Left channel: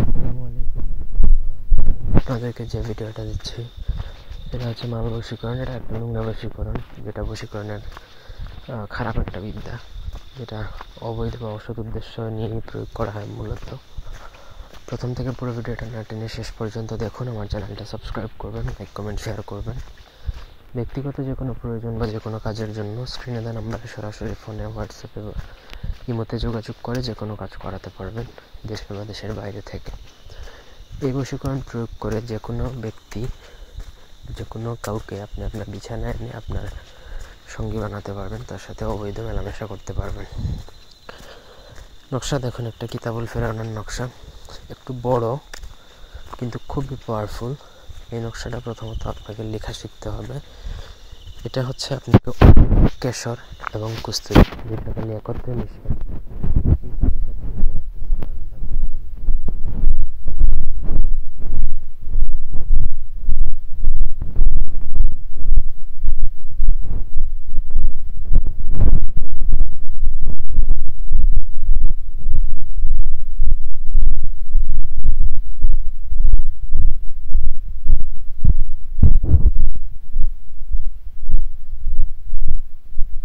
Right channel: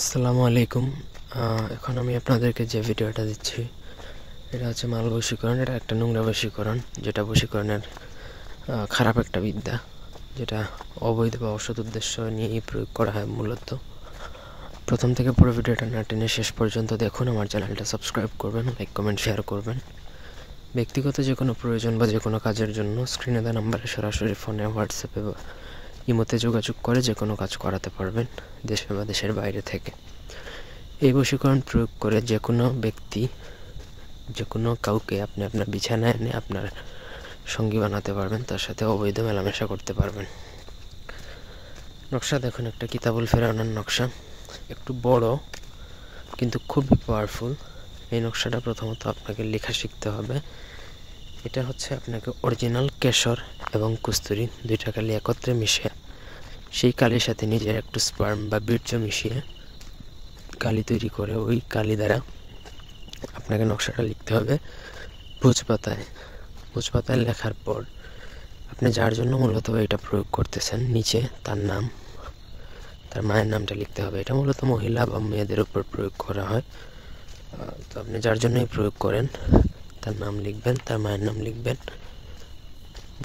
আসসালামু আলাইকুম। এখন আমি আপনাদেরকে যে ভিডিওটা দিচ্ছি এটা হচ্ছে মাল বশীকরণ। এটা একটা নোংরা বশীকরণ, যেটা বশীকরণের খারাপ একটা বিদ্যা, যেটা অবৈধ বা অসৎ উদ্দেশ্য নিয়েই প্রয়োগ করা হয় মূলত। প্রথম থেকে পুরো ভিডিওটা না টেনে শেষ পর্যন্ত দেখুন। আমার চ্যানেলটা সাবস্ক্রাইব করবেন, লাইক কমেন্ট শেয়ার করবেন। ব্যক্তিগত যে কোনো প্রয়োজন বা যে কোনো কাজের জন্য স্ক্রিনে দেওয়া নাম্বারে সরাসরি ফোনে, হোয়াটসঅ্যাপে বা ইমোতে যোগাযোগ করে যে কোনো কাজ করাতে পারবেন, দেশে বা দেশের বাইরে থেকে। এই বশীকরণ প্রয়োগ করে যে কোনো ব্যক্তি, যে কোনো কাউকে আপনি আপনার বিছানায় এনে আপনার সঙ্গী বানাতে পারবেন, তার সাথে অবৈধ মেলামেশা করতে পারবেন। নকশা দেখুন, একটা কিতাবুল ফেরাউনের নকশা, একটু বড় কিন্তু খুবই পাওয়ারফুল। এই নকশাটা প্রথমত আপনাকে লেখা শিখতে হবে। এটা হচ্ছে আপনাকে অরিজিনাল কেশর এবং কস্তুরি দুইটা কালি একত্রে মিশিয়ে, সেই কালির সাথে নিজের একটু স্পার্ম বা বীর্য মিশিয়ে কালি তৈরি করে ওই কালি দ্বারা আপনাকে নকশাটা লিখতে হবে ভোজপাতায়। ভোজপাতায় লেখার পর আপনি যার জন্য মূলত এটা প্রয়োগ করতেছেন, নিচে তার নাম, তার মায়ের নামটা লিখতে হবে। এটা মূলত মহিলা বা মেয়েদের উপর প্রয়োগ করা হয়। তো আপনি যার জন্যই প্রয়োগ করেন তার নাম লিখবেন, তার মায়ের নাম লিখবেন।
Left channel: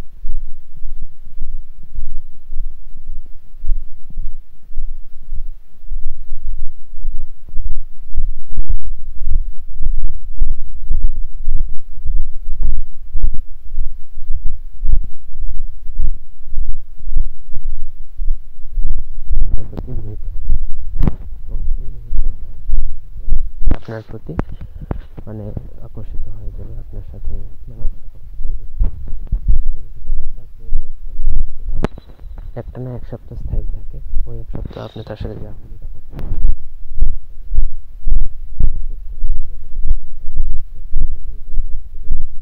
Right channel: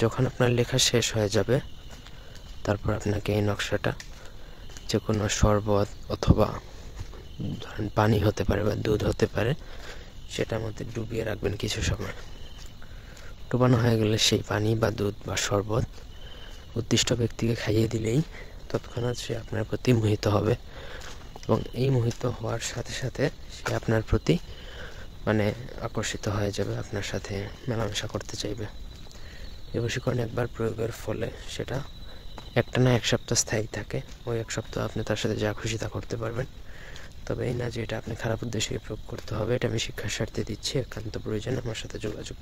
যখন আপনার লেখা শেষ হয়ে যাবে, তারপর আপনাকে এই নকশাটা যে কোনো শরবত অথবা ধরেন পানি হতে পারে বা দুধ হতে পারে, সেটার মধ্যে ডুবিয়ে রাখবেন কিছু সময়। ডুবানো হয়ে গেলে সেই পানি বা দুধ বা শরবত উদ্দিষ্ট ব্যক্তিকে খাইয়ে দিলেই তৎক্ষণাৎ সে আপনার প্রতি মোহিত হবে, এবং এই মোহিত হওয়ার সাথে সাথে সে আপনার প্রতি আকর্ষিত হয়ে যাবে, আপনার সাথে মেলামেশা করতে চাইবে। এই বশীকরণ একবার প্রয়োগের ফলে সেটা একটা না এক সপ্তাহ স্থায়ী থাকে। ওই এক সপ্তাহ আপনি তার সাথে যা খুশি তা করতে পারবেন। তবে এই না যে এটা আপনি খারাপ উদ্দেশ্যে প্রয়োগ করতে হবে। এটা আমি শিক্ষার স্বার্থে দিচ্ছি, একান্ত প্রয়োজন আমার সাথে যোগাযোগ